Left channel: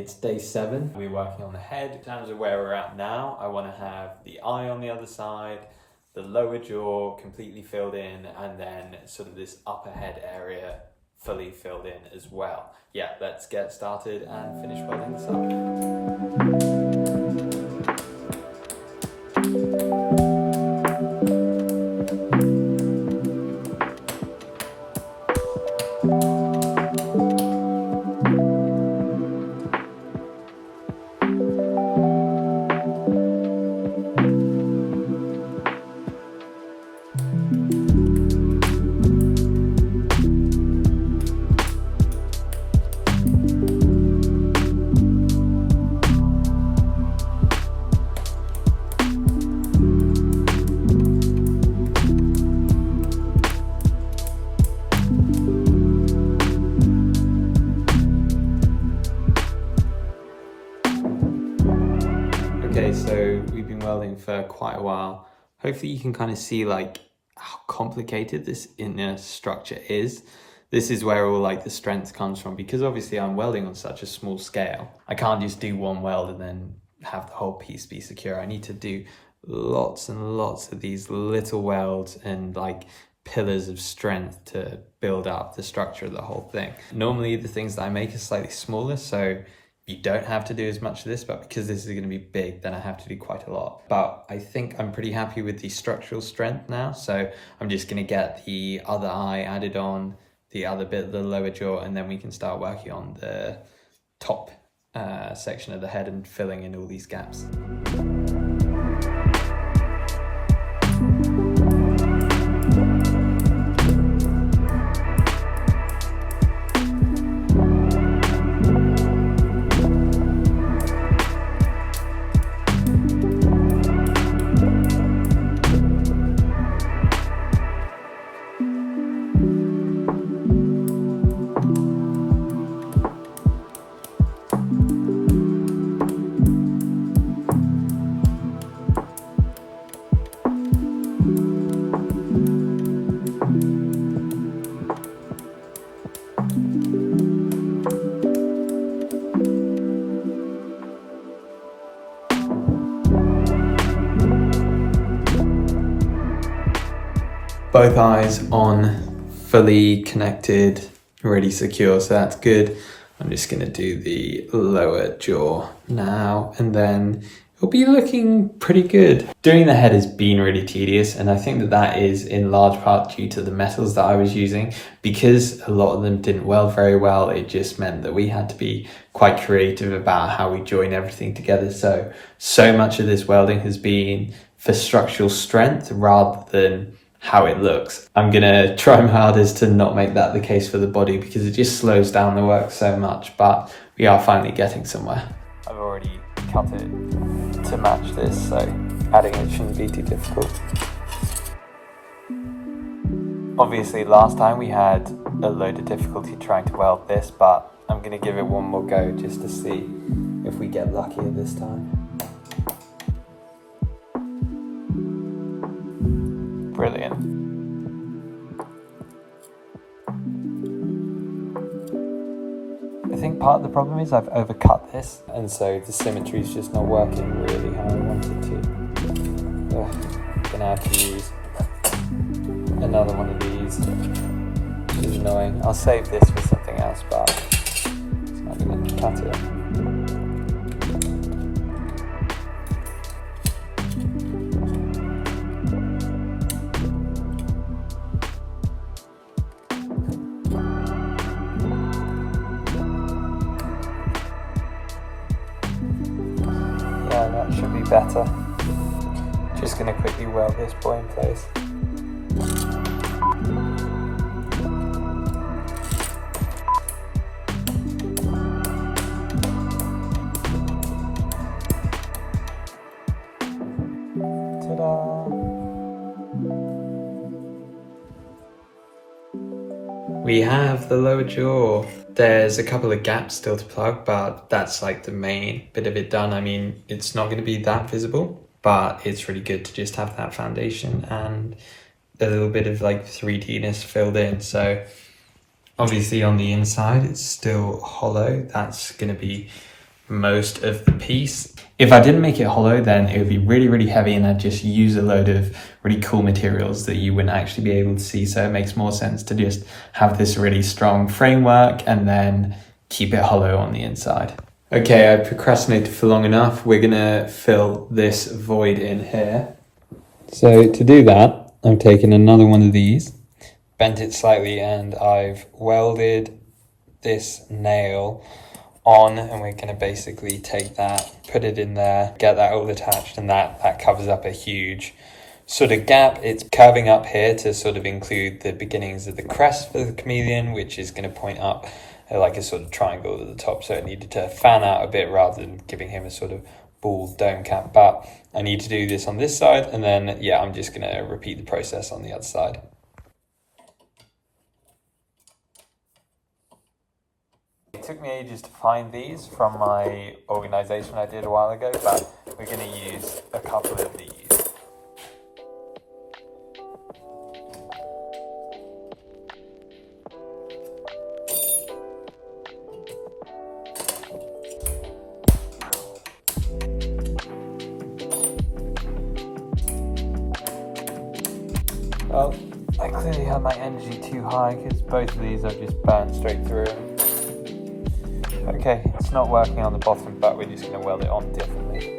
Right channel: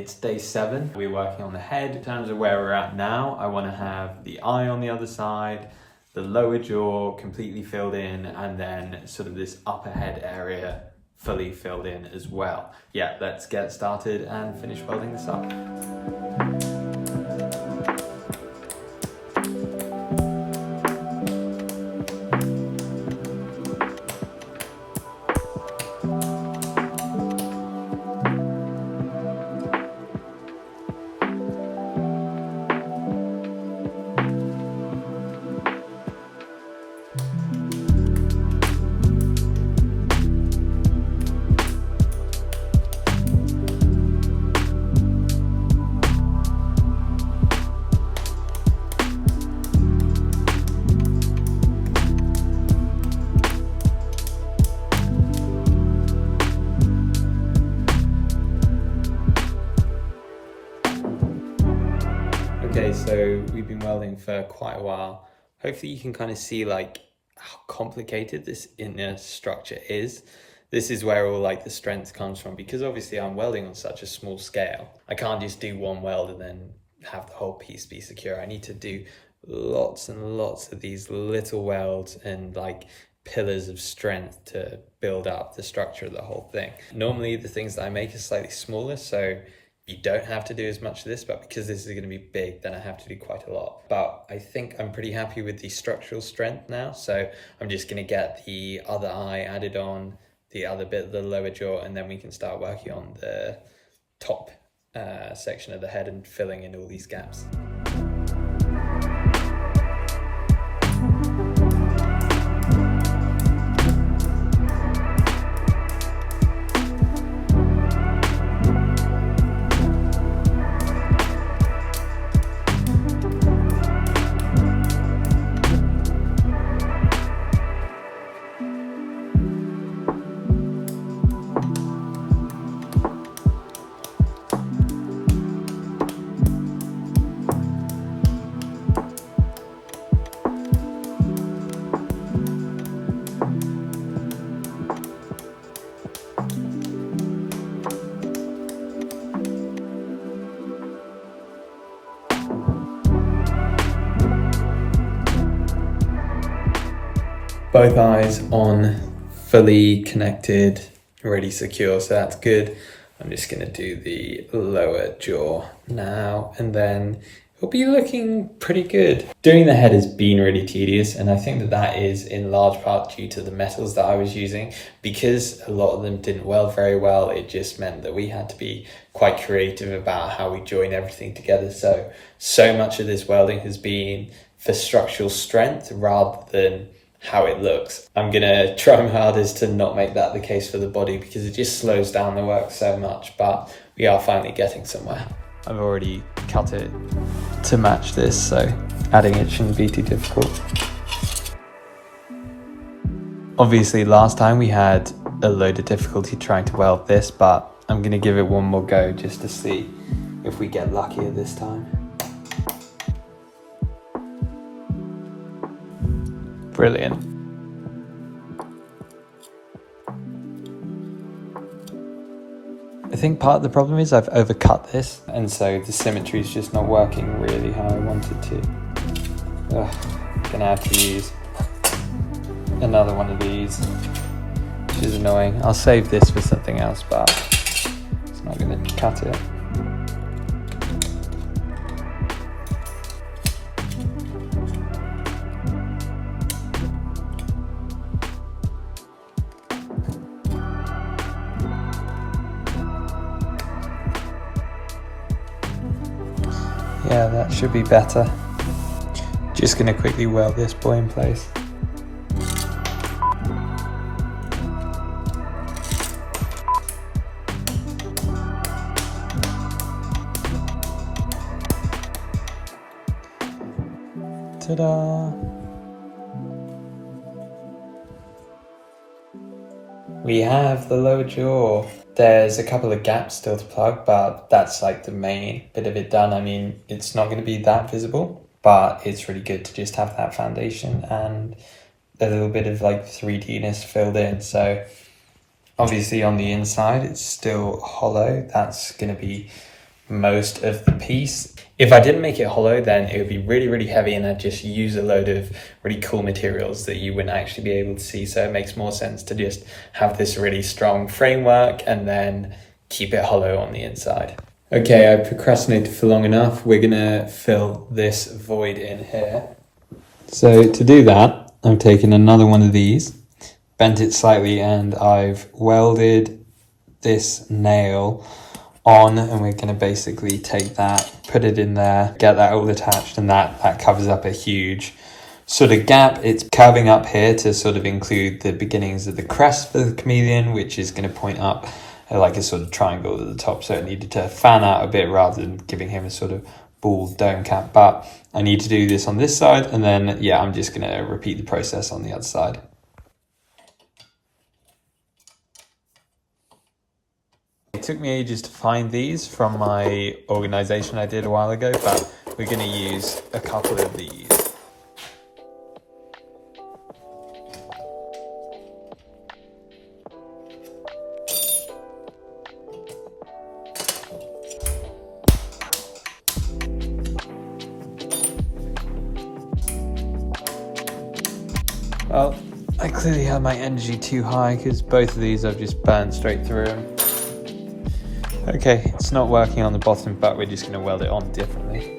it's day 7. We're working on the head. In terms of where we're at now, I want to have the eye on the other side, the lower jaw completely filled in, and then sort of this upper head area fully filled in as well. Yeah, let's get started and finish welding this up. Okay, so we've been welding for quite a while. Hopefully you can kind of see like how complicated this inner structure is. This is where all like the strength comes from, because obviously I'm welding on such a small scale. I can't just do one weld and then have the whole piece be secure. I need to do lots and lots of these little welds and like pillars of strength to build up the structure of the whole thing. Normally the things that I make are slightly smaller, so you don't have to do as much of this, but because this is going to be big, then I have to do quite a lot. But I think I'm pretty happy with the structural strength now, so I'm just going to get the other eye added on, the other bit of the lower jaw, and then we can start working on the top section of the head and filling in all these gaps. Both eyes on, fully connected, already secure, so that's good. I'm just going to do the lower jaw now, and then it'll be looking pretty good. Doing the head has been really tedious, and I think that that is in large part due to the metals that I was using. Because a lot of them didn't weld very well, it just meant that we had to be quite creative about how we join everything together. So much of this welding has been for structural strength rather than how it looks. I'm gonna try my hardest to not make that the case for the body, because it just slows down the work so much, but we are finally getting somewhere. I've already cut it to match this, so adding it shouldn't be too difficult. Obviously last time we had a load of difficulty trying to weld this, but I'm gonna give it one more go just to see if we get luckier this time. Brilliant. I think part of the problem is I've overcut this, and so the symmetry is just not working really how I wanted to. Gonna have to use another one of these, which is annoying. I'll save this for something else, but it's not gonna cut it. Should be better. Just gonna quickly weld this boy in place. Ta-da! We have the lower jaw. There's a couple of gaps still to plug, but that's like the main bit of it done. I mean, it's not going to be that visible, but it's really good to just have that foundation and a little bit of like 3D-ness filled in. So obviously on the inside, it's still hollow. That's going to be most of the piece. If I didn't make it hollow, then it would be really, really heavy and I'd just use a load of really cool materials that you wouldn't actually be able to see. So it makes more sense to just have this really strong framework and then keep it hollow on the inside. Okay, I procrastinated for long enough. We're gonna fill this void in here. So to do that, I'm taking another one of these, bent it slightly, and I've welded this nail on, and we're going to basically take that, put it in there, get that all attached, and that covers up a huge sort of gap. It's curving up here to sort of include the beginnings of the crest for the chameleon, which is going to point up like a sort of triangle at the top, so it needed to fan out a bit rather than giving him a sort of bald dome cap. But I need to do this on this side, and then yeah, I'm just going to repeat the process on the other side. It took me ages to find these from my organisation I did a while ago, but we're going to use a couple of these. Well, I clearly have my energy too high because both of these I've just burned straight through. Okay, it's not working on the bottom, but we're just going to weld it on differently.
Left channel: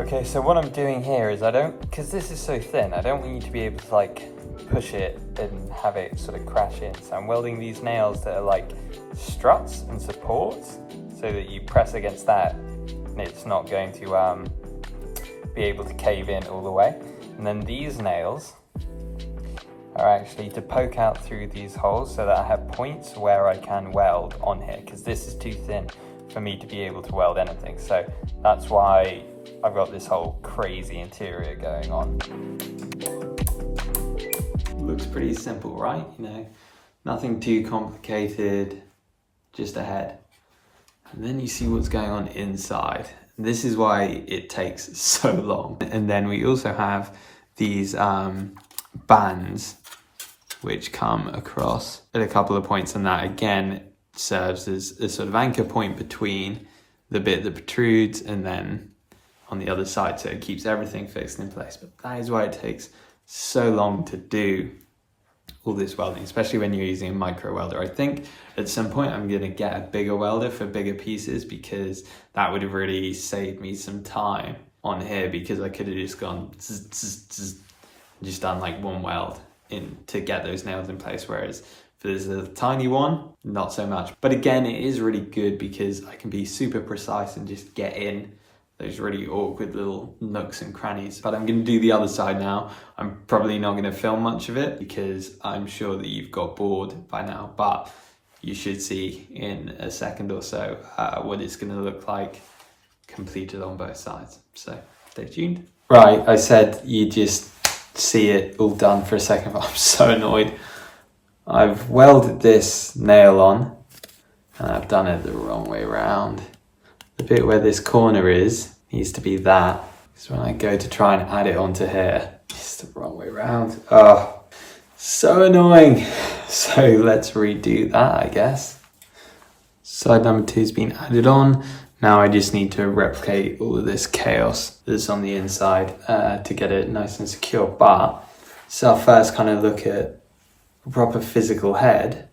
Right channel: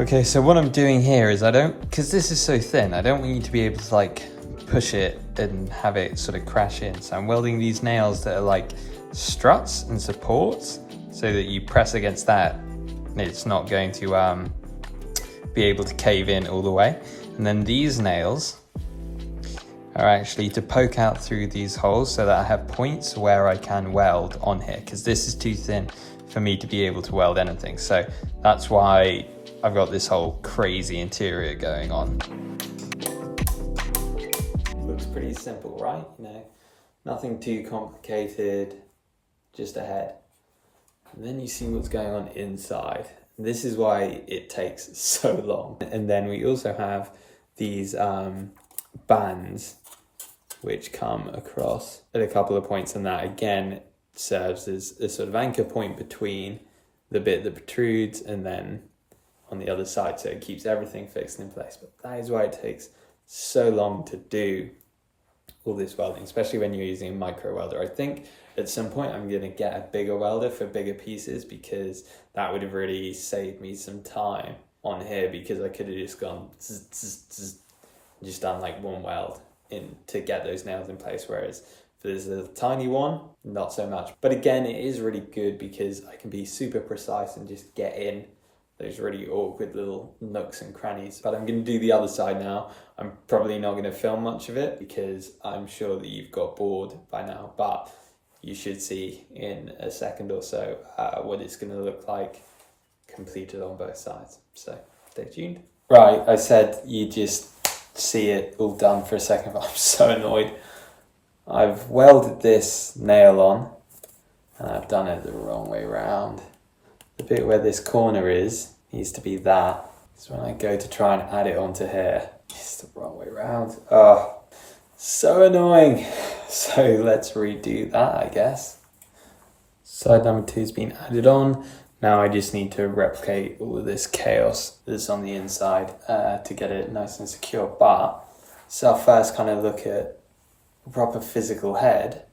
Okay, so what I'm doing here is because this is so thin, I don't want you to be able to like push it and have it sort of crash in. So I'm welding these nails that are like struts and supports so that you press against that and it's not going to be able to cave in all the way. And then these nails are actually to poke out through these holes so that I have points where I can weld on here, because this is too thin for me to be able to weld anything. So that's why I've got this whole crazy interior going on. Looks pretty simple, right? You know, nothing too complicated, just a head. And then you see what's going on inside. This is why it takes so long. And then we also have these bands which come across at a couple of points, and that again serves as a sort of anchor point between the bit that protrudes and then on the other side, so it keeps everything fixed in place. But that is why it takes so long to do all this welding, especially when you're using a micro welder. I think at some point I'm going to get a bigger welder for bigger pieces, because that would have really saved me some time on here, because I could have just gone zzz, zzz, zzz, just done like one weld in to get those nails in place, whereas for this little tiny one, not so much. But again, it is really good because I can be super precise and just get in those really awkward little nooks and crannies. But I'm going to do the other side now. I'm probably not going to film much of it because I'm sure that you've got bored by now, but you should see in a second or so what it's going to look like completed on both sides. So stay tuned. Right, I said you just see it all done for a second, but I'm so annoyed. I've welded this nail on and I've done it the wrong way around. The bit where this corner is needs to be that. Because when I go to try and add it onto here, it's the wrong way around. Oh, so annoying. So let's redo that, I guess. Side number 2 has been added on. Now I just need to replicate all of this chaos that's on the inside to get it nice and secure. But so I'll first kind of look at a proper physical head.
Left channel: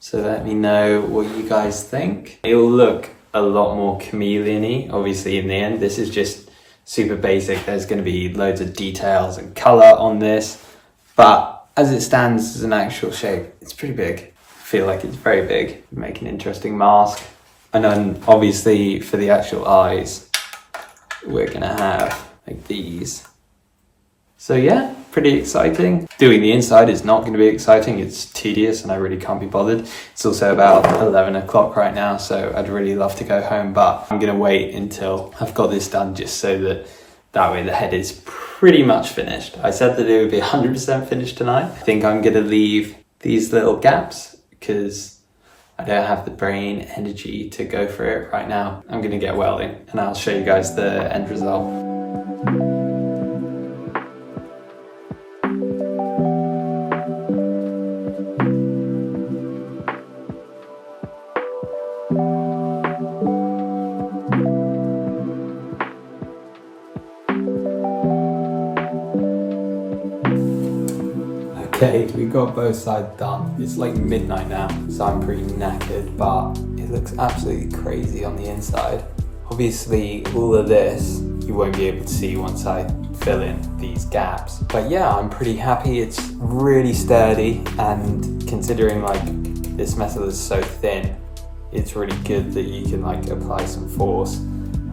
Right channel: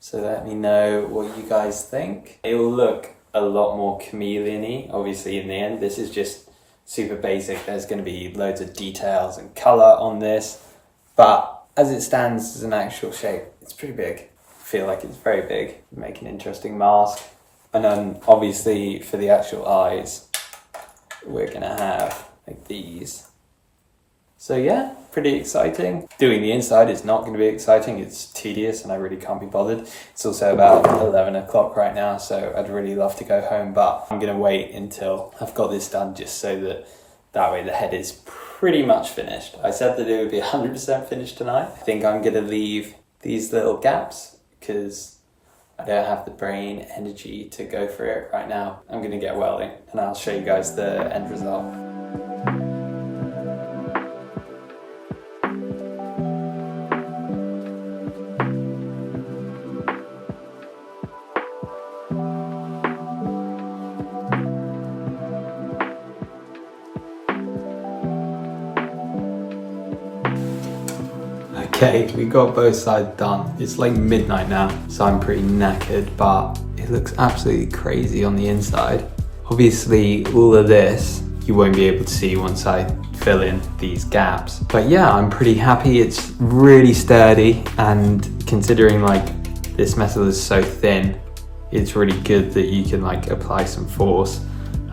So let me know what you guys think. It will look a lot more chameleon-y, obviously, in the end. This is just super basic. There's going to be loads of details and color on this, but as it stands as an actual shape, it's pretty big. I feel like it's very big. Make an interesting mask. And then obviously for the actual eyes, we're going to have like these. So yeah, pretty exciting. Doing the inside is not going to be exciting. It's tedious and I really can't be bothered. It's also about 11 o'clock right now, so I'd really love to go home, but I'm going to wait until I've got this done just so that way the head is pretty much finished. I said that it would be 100% finished tonight. I think I'm going to leave these little gaps because I don't have the brain energy to go for it right now. I'm gonna get welding and I'll show you guys the end result. Okay, we got both sides done. It's like midnight now, so I'm pretty knackered, but it looks absolutely crazy on the inside. Obviously, all of this you won't be able to see once I fill in these gaps. But yeah, I'm pretty happy. It's really sturdy, and considering like this metal is so thin, it's really good that you can like apply some force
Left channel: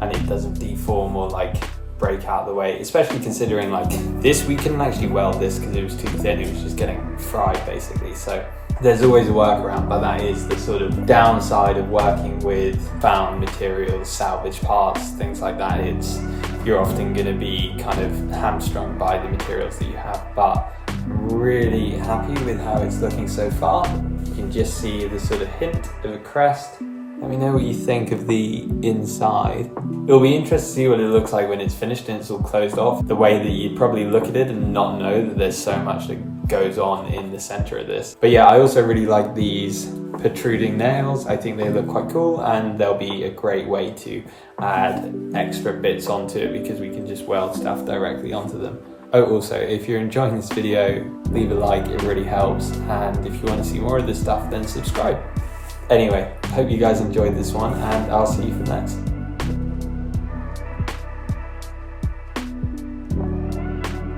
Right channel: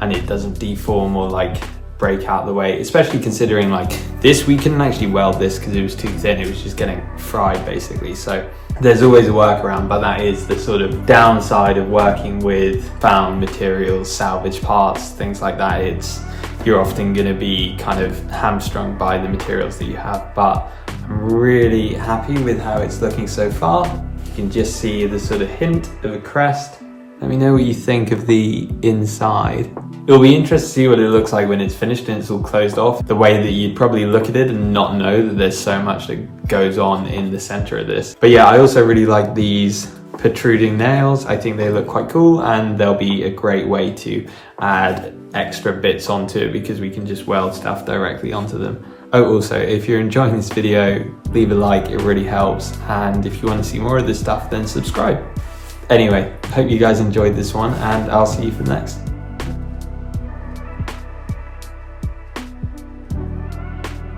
and it doesn't deform or like break out the way, especially considering like this, we couldn't actually weld this because it was too thin. It was just getting fried basically. So there's always a workaround, but that is the sort of downside of working with found materials, salvage parts, things like that. You're often going to be kind of hamstrung by the materials that you have, but I'm really happy with how it's looking so far. You can just see the sort of hint of a crest. Let me know what you think of the inside. It'll be interesting to see what it looks like when it's finished and it's all closed off. The way that you'd probably look at it and not know that there's so much that goes on in the center of this. But yeah, I also really like these protruding nails. I think they look quite cool, and they'll be a great way to add extra bits onto it because we can just weld stuff directly onto them. Oh, also, if you're enjoying this video, leave a like, it really helps. And if you want to see more of this stuff, then subscribe. Anyway, hope you guys enjoyed this one, and I'll see you for the next.